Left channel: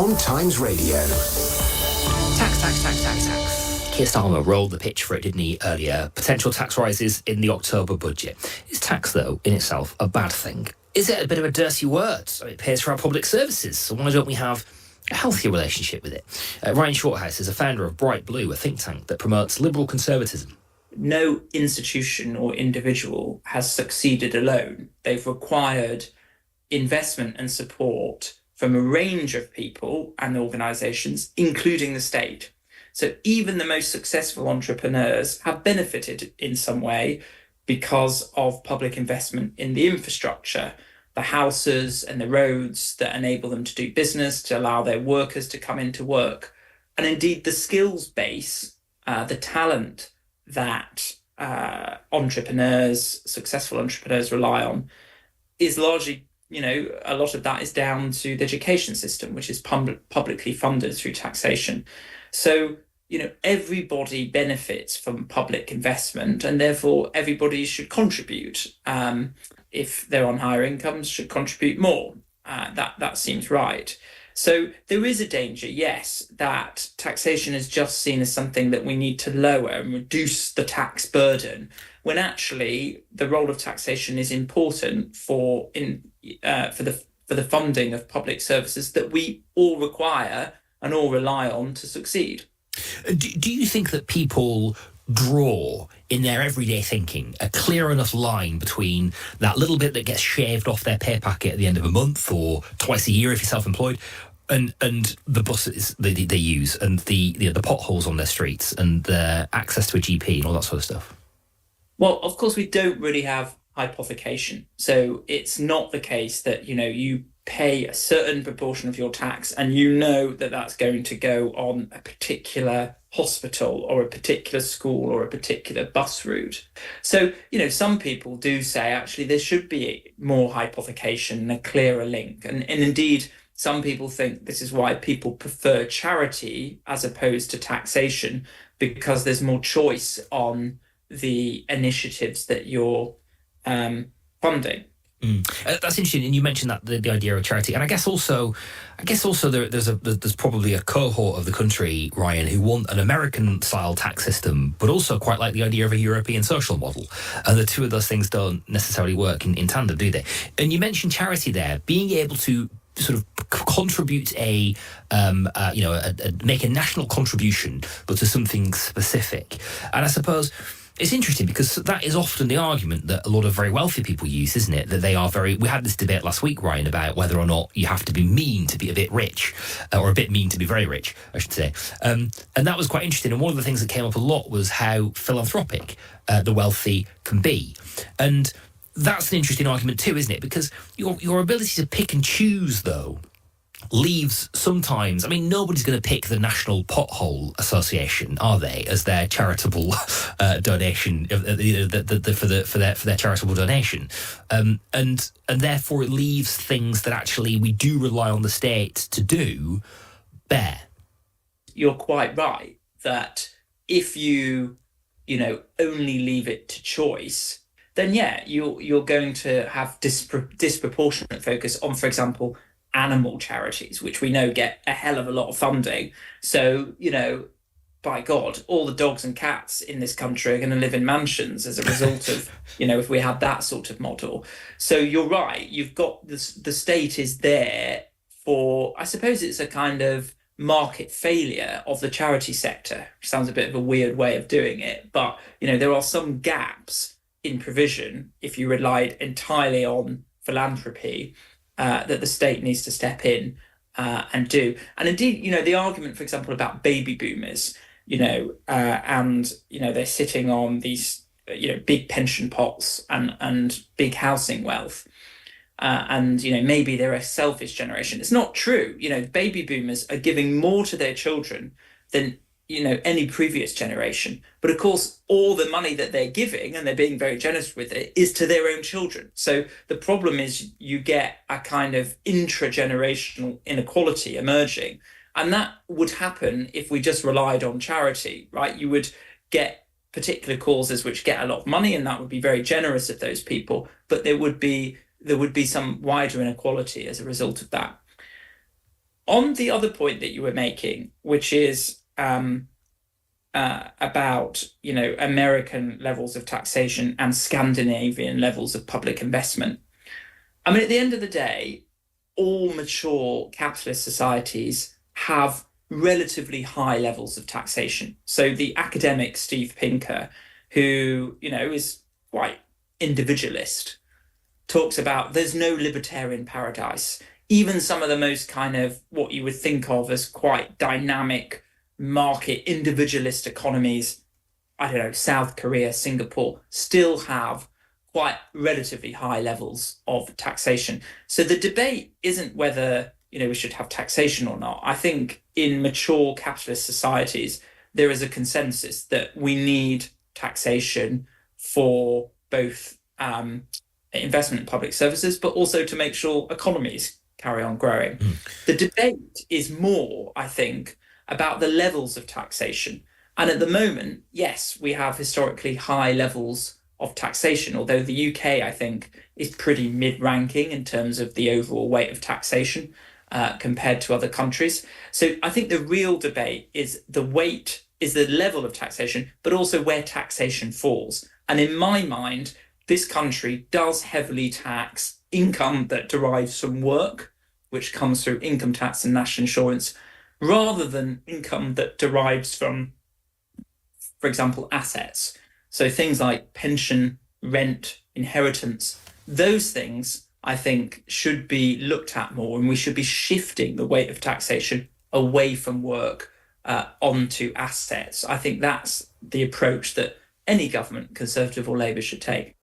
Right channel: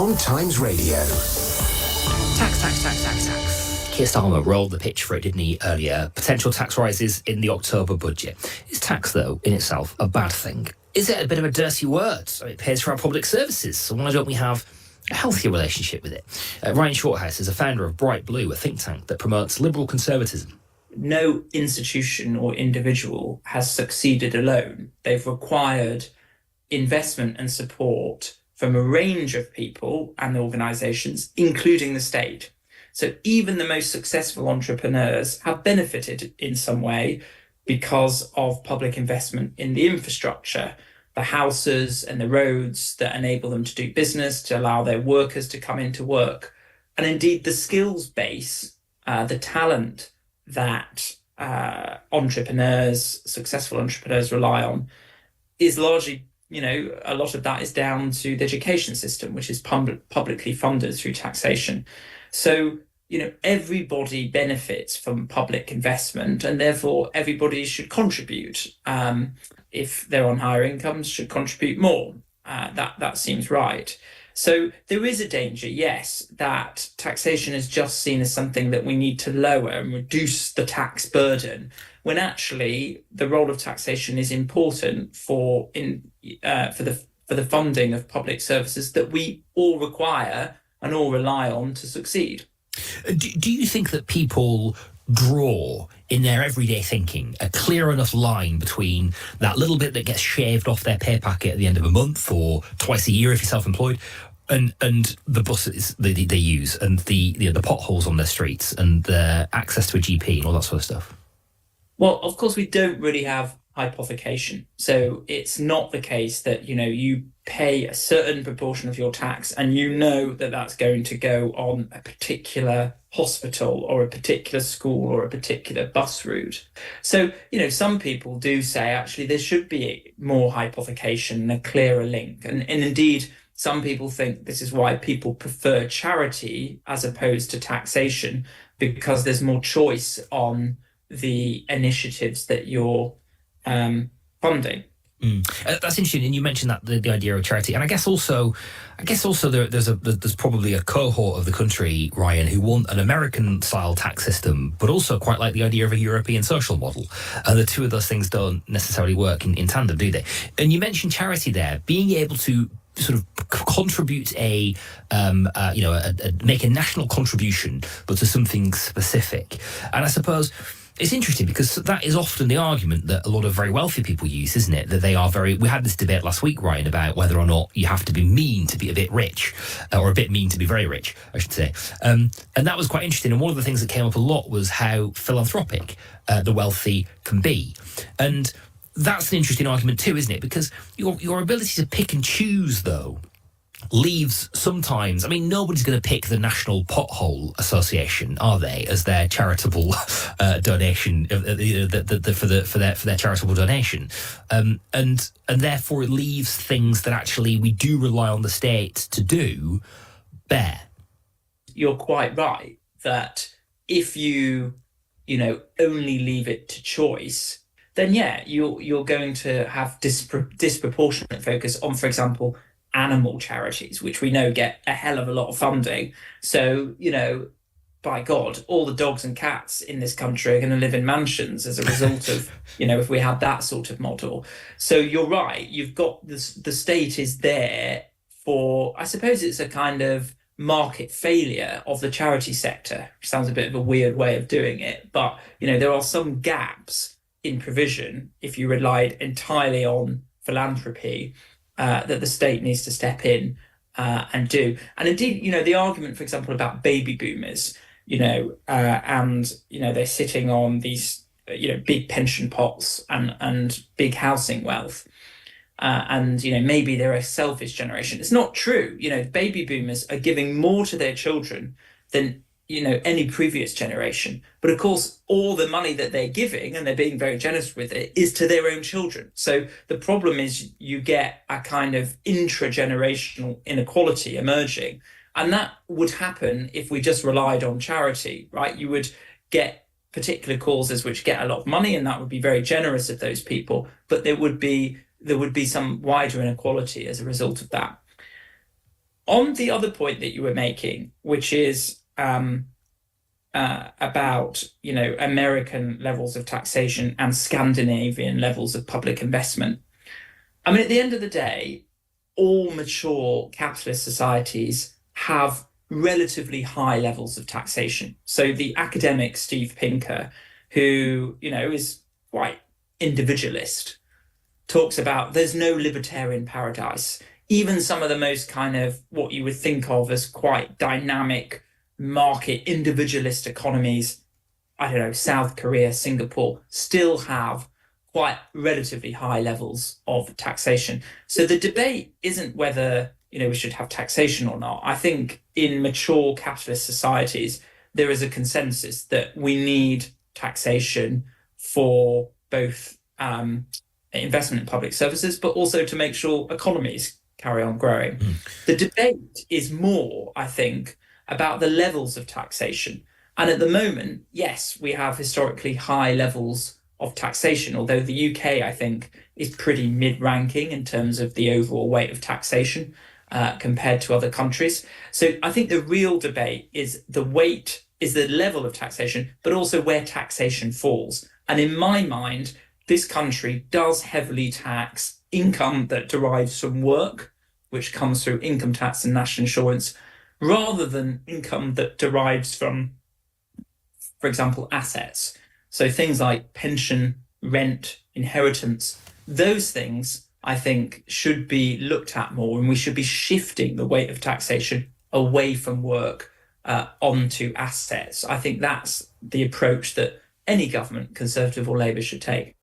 on Times Radio. Tax. Keir Starmer rolled the pitch for it, didn't he, earlier? Potential tax rises in the October budget. Is tax, though, in itself, a bad thing? Is it a bit of a dirty word? It pays for our public services, so why don't we have a healthier relationship with it? Ryan Shorthouse is a founder of Bright Blue, a think tank that promotes liberal conservatism. No institution or individual has succeeded alone. They've required investment and support from a range of people and organisations, including the state. So even the most successful entrepreneurs have benefited in some way because of public investment in the infrastructure, the houses and the roads that enable them to do business, to allow their workers to come into work. And indeed the skills base, the talent that successful entrepreneurs rely on is largely, a lot of that is down to the education system, which is publicly funded through taxation. So, everybody benefits from public investment, and therefore everybody should contribute. If they're on higher incomes, should contribute more. That seems right. So there is a danger, yes, that taxation is just seen as something that we need to lower and reduce the tax burden, when actually the role of taxation is important for the funding of public services that we all require and all rely on to succeed. Do you think that people draw in their everyday thinking a clear enough line between that little bit that gets shaved off their pay packet at the end of a month or twice a year if you're self-employed, and the buses they use, and the potholes on their streets, and their access to a GP and all that sort of stuff? Well, of course, we don't really have hypothecation. So it's not the case that, you pay a certain proportion of your tax and that that's going to go on a particular hospital or a particular school or a particular bus route. So, some people do say, actually, there should be more hypothecation and a clearer link. And indeed, some people think this is why people prefer charity as opposed to taxation, because there's more choice on the initiatives that you're funding. That's interesting, and you mentioned that the idea of charity, and I guess also there's probably a cohort of the country, Ryan, who want an American-style tax system, but also quite like the idea of a European social model, and the two of those things don't necessarily work in tandem, do they? And you mentioned charity there, being able to sort of contribute make a national contribution, but to something specific, and I suppose it's interesting because that is often the argument that a lot of very wealthy people use, isn't it? That they are we had this debate last week, Ryan, about whether or not you have to be mean to be a bit rich, or a bit mean to be very rich, I should say. And that was quite interesting. And one of the things that came up a lot was how philanthropic the wealthy can be. And that's an interesting argument too, isn't it? Because your ability to pick and choose, though, leaves sometimes, nobody's going to pick the National Pothole Association, are they, as their charitable donation for their charitable donation, and therefore it leaves things that actually we do rely on the state to do bare. You're quite right that if you only leave it to choice, then you're going to have disproportionate focus on, for example, animal charities, which we know get a hell of a lot of funding. So, by God, all the dogs and cats in this country are going to live in mansions as a result of, if we had that sort of model. So you're right, you've got this, the state is there for, I suppose it's a kind of market failure of the charity sector, which sounds a bit of a weird way of doing it. But, there are some gaps in provision if you relied entirely on philanthropy, that the state needs to step in and do. And indeed, the argument, for example, about baby boomers, they're sitting on these, big pension pots and big housing wealth. Maybe they're a selfish generation. It's not true. Baby boomers are giving more to their children than any previous generation. But of course, all the money that they're giving, and they're being very generous with it, is to their own children. So the problem is you get a kind of intra-generational inequality emerging. And that would happen if we just relied on charity, right? You would get particular causes which get a lot of money, and that would be very generous of those people. But there would be some wider inequality as a result of that. On the other point that you were making, which is about American levels of taxation and Scandinavian levels of public investment. I mean, at the end of the day, all mature capitalist societies have relatively high levels of taxation. So the academic Steve Pinker, who is quite individualist, talks about there's no libertarian paradise. Even some of the most kind of what you would think of as quite dynamic market individualist economies, I don't know, South Korea, Singapore, still have quite relatively high levels of taxation. So the debate isn't whether we should have taxation or not. I think in mature capitalist societies, there is a consensus that we need taxation for both investment in public services, but also to make sure economies carry on growing. The debate is more, I think, about the levels of taxation. And at the moment, yes, we have historically high levels of taxation, although the UK, I think, is pretty mid-ranking in terms of the overall weight of taxation compared to other countries. So I think the real debate is the level of taxation, but also where taxation falls. And in my mind, this country does heavily tax income that derives from work, which comes through income tax and national insurance, rather than income that derives from, for example, assets. So things like pension, rent, inheritance, those things I think should be looked at more, and we should be shifting the weight of taxation away from work onto assets. I think that's the approach that any government, Conservative or Labour, should take.